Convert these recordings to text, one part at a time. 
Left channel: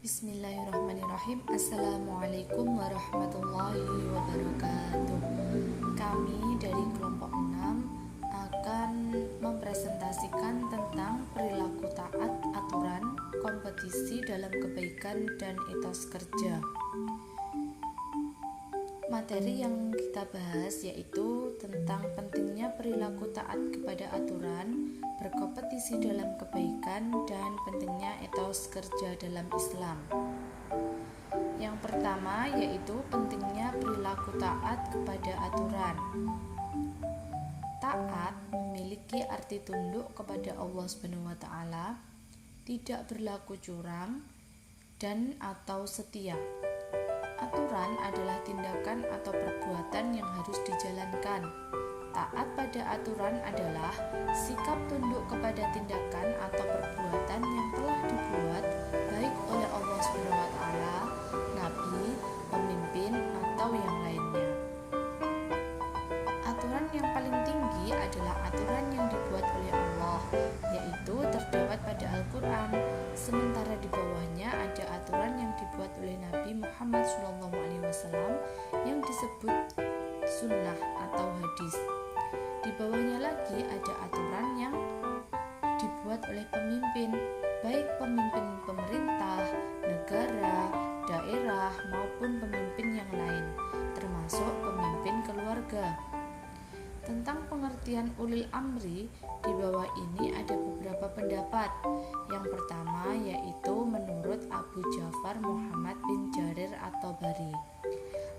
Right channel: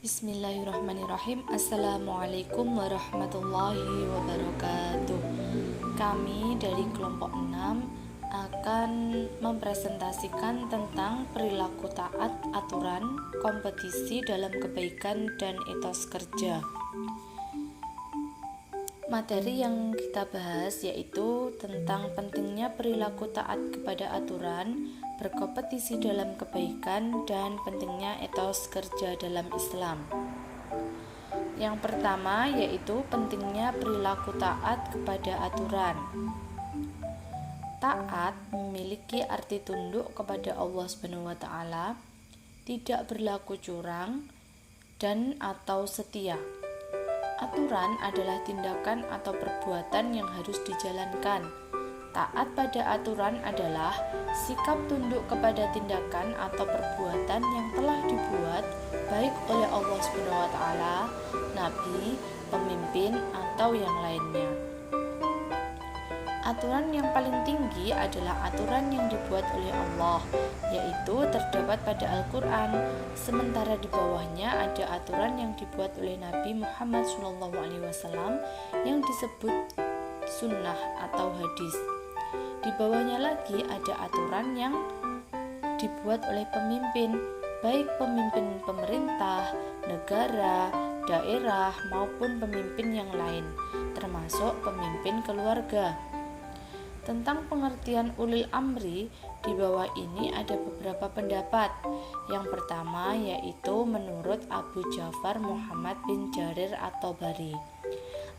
Bismillahirrahmanirrahim. Assalamualaikum warahmatullahi wabarakatuh. Kami dari kelompok 6 akan mempresentasikan tentang perilaku taat aturan, kompetisi dalam kebaikan dan etos kerja. Materi yang kita bahas yaitu tentang pentingnya perilaku taat kepada aturan, berkompetisi dalam kebaikan, dan pentingnya etos kerja dalam Islam. Yang pertama yaitu pentingnya perilaku taat kepada aturan. Taat memiliki arti tunduk kepada Allah SWT, tidak berlaku curang, dan atau setia. Aturan adalah tindakan atau perbuatan yang harus dijalankan. Taat pada aturan adalah sikap tunduk kepada tindakan atau perbuatan yang telah dibuat baik oleh Allah SWT, Nabi, pemimpin, atau yang lainnya. Aturan yang paling tinggi adalah aturan yang dibuat oleh Allah, yaitu terdapat pada Al-Quran. Sementara di bawahnya ada aturan yang dibuat oleh Nabi Muhammad SAW yang disebut sunnah atau hadis. Di bawahnya lagi ada aturan yang dibuat oleh pemimpin, baik pemimpin pemerintah, negara, daerah, maupun pemimpin yang lain, termasuk pemimpin keluarga. Tentang pengertian ulil amri, di bawah ini ada beberapa pendapat. Yang pertama yaitu menurut Abu Ja'far Muhammad bin Jarir at-Tabari.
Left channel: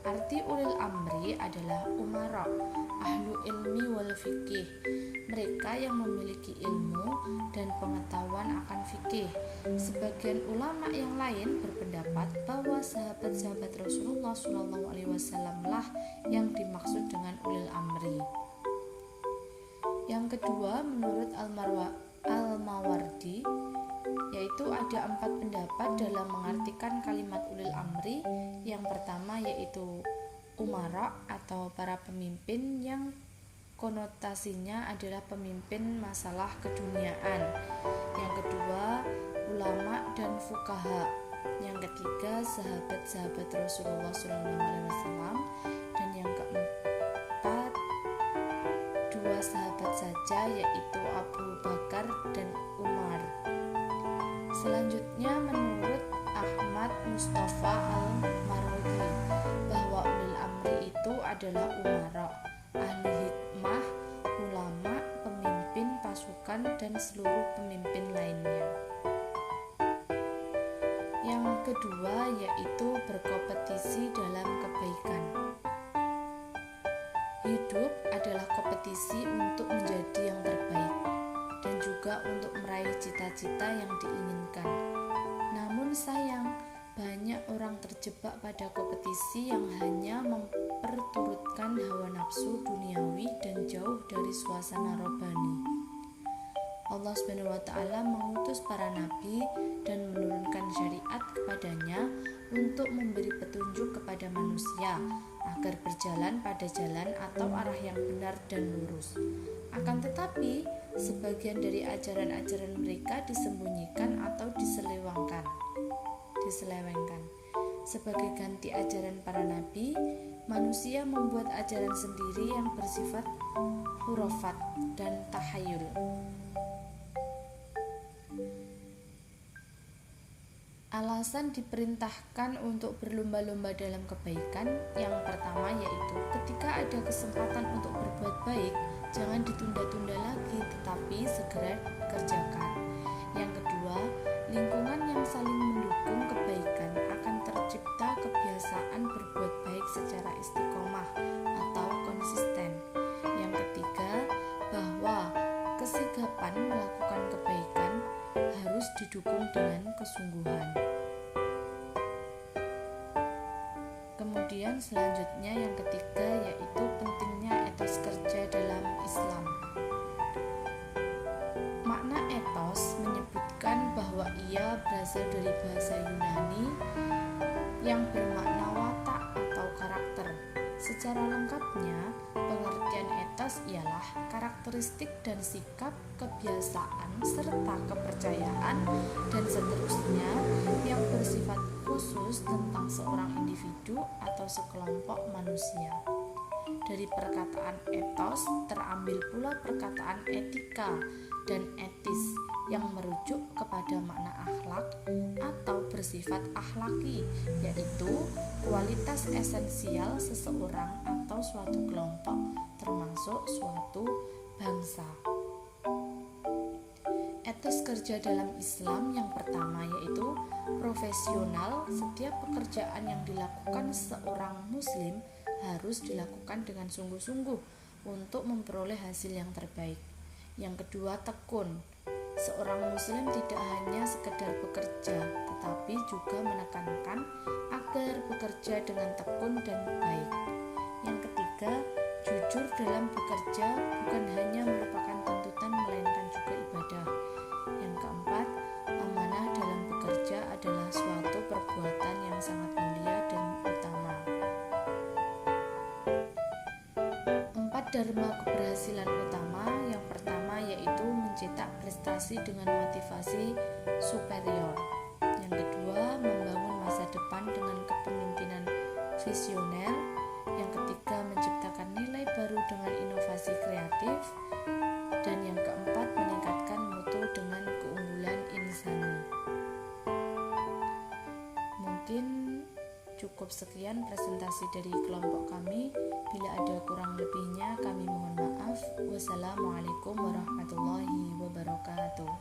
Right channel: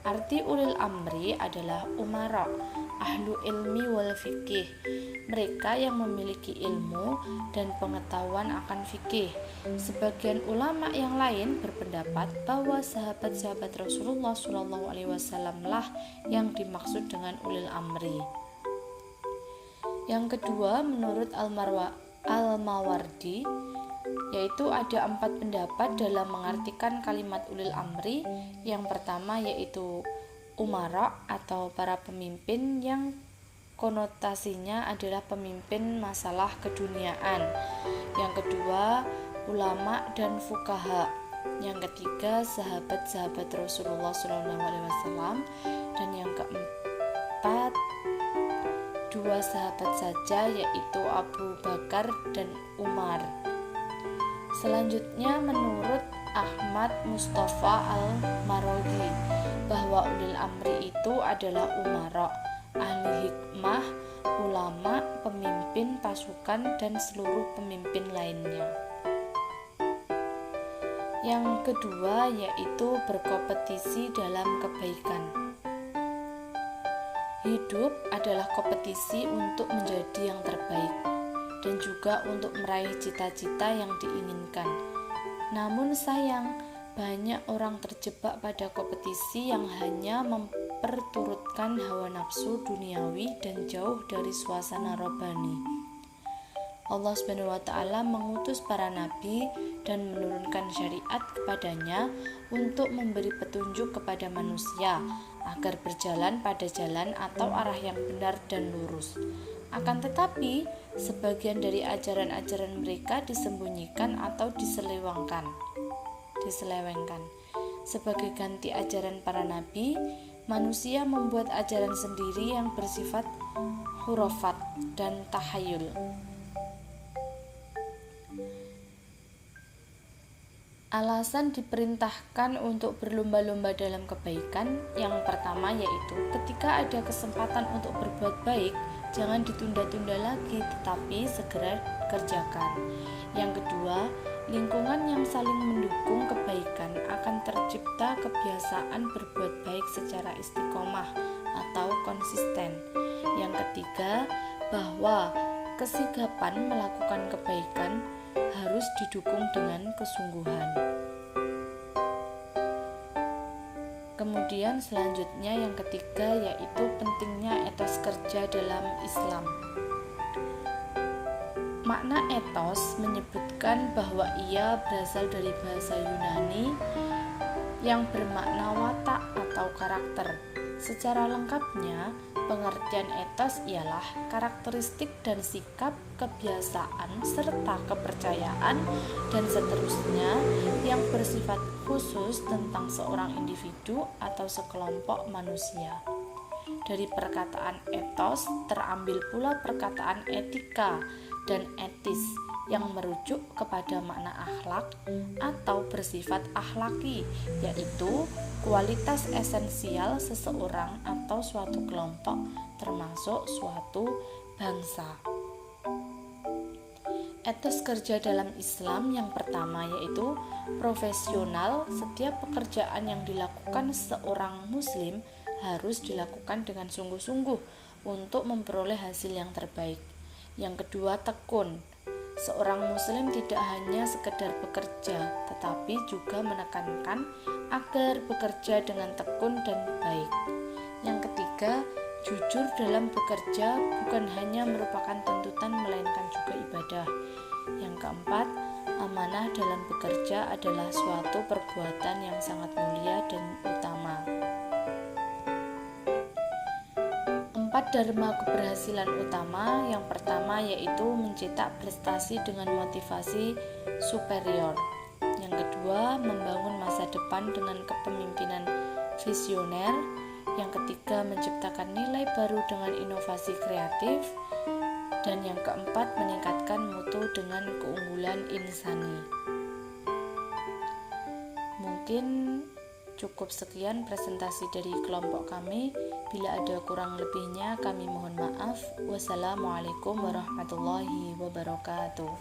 Arti ulil amri adalah umara, ahlu ilmi wal fikih, mereka yang memiliki ilmu dan pengetahuan akan fikih. Sebagian ulama yang lain berpendapat bahwa sahabat-sahabat Rasulullah SAW lah yang dimaksud dengan ulil amri. Yang kedua, menurut Al-Mawardi, yaitu ada 4 pendapat dalam mengartikan kalimat ulil amri. Yang pertama yaitu umara atau para pemimpin yang konotasinya adalah pemimpin masalah keduniaan. Yang kedua, ulama dan fuqaha. Yang ketiga, sahabat-sahabat Rasulullah SAW. Dan yang keempat, 2 sahabat saja yaitu Abu Bakar dan Umar. Selanjutnya menurut Ahmad Mustafa Al-Marwazi bahwa ulil amri itu adalah umara, ahli hikmah, ulama, pemimpin pasukan, dan seluruh pemimpin lainnya. Yang kedua yaitu berkompetisi dalam kebaikan. Hidup adalah kompetisi untuk menjadi yang terbaik dan juga untuk meraih cita-cita yang diinginkan. Namun sayang, banyak orang terjebak pada kompetisi yang hanya memperturutkan hawa nafsu duniawi dan jauh dari suasana robbani. Allah SWT mengutus para nabi dan menurunkan syariat kepadanya untuk memberi petunjuk kepada manusia agar berjalan pada jalan atau arah yang benar dan lurus. Akan tetapi, sebagian dari ajaran-ajaran mereka disembunyikan atau diselewengkan. Sebagai ganti ajaran para nabi, manusia membuat ajaran sendiri yang bersifat khurafat dan tahayul. Alasan diperintahkan untuk berlomba-lomba dalam kebaikan yang pertama yaitu ketika ada kesempatan untuk berbuat baik, jangan ditunda-tunda lagi tetapi segera kerjakan. Yang kedua, lingkungan yang saling mendukung kebaikan akan tercipta kebiasaan berbuat baik secara istiqomah atau konsisten. Yang ketiga, bahwa kesigapan melakukan kebaikan harus didukung dengan kesungguhan. Kemudian selanjutnya yang ketiga yaitu pentingnya etos kerja dalam Islam. Makna etos menyebutkan bahwa ia berasal dari bahasa Yunani yang bermakna watak atau karakter. Secara lengkapnya, pengertian etos ialah karakteristik dan sikap, kebiasaan, serta kepercayaan, dan seterusnya yang bersifat khusus tentang seorang individu atau sekelompok manusia. Dari perkataan etos terambil pula perkataan etika dan etis yang merujuk kepada makna akhlak atau bersifat akhlaki, yaitu kualitas esensial seseorang atau suatu kelompok, termasuk suatu bangsa. Etos kerja dalam Islam yang pertama yaitu profesional. Setiap pekerjaan yang dilakukan seorang muslim harus dilakukan dengan sungguh-sungguh untuk memperoleh hasil yang terbaik. Yang kedua, tekun. Seorang muslim tidak hanya sekedar bekerja, tetapi juga menekankan agar bekerja dengan tekun dan baik. Yang ketiga, jujur dalam bekerja bukan hanya merupakan tuntutan melainkan juga ibadah. Yang keempat, amanah dalam bekerja adalah suatu perbuatan yang sangat mulia dan utama. 4 dharma keberhasilan utama. Yang pertama yaitu mencetak prestasi dengan motivasi superior. Yang kedua, membangun masa depan dengan kepemimpinan visioner. Yang ketiga, menciptakan nilai baru dengan inovasi kreatif. Dan yang keempat, meningkatkan mutu dengan keunggulan insani. Mungkin cukup sekian presentasi dari kelompok kami. Bila ada kurang lebihnya kami mohon maaf. Wassalamualaikum warahmatullahi wabarakatuh.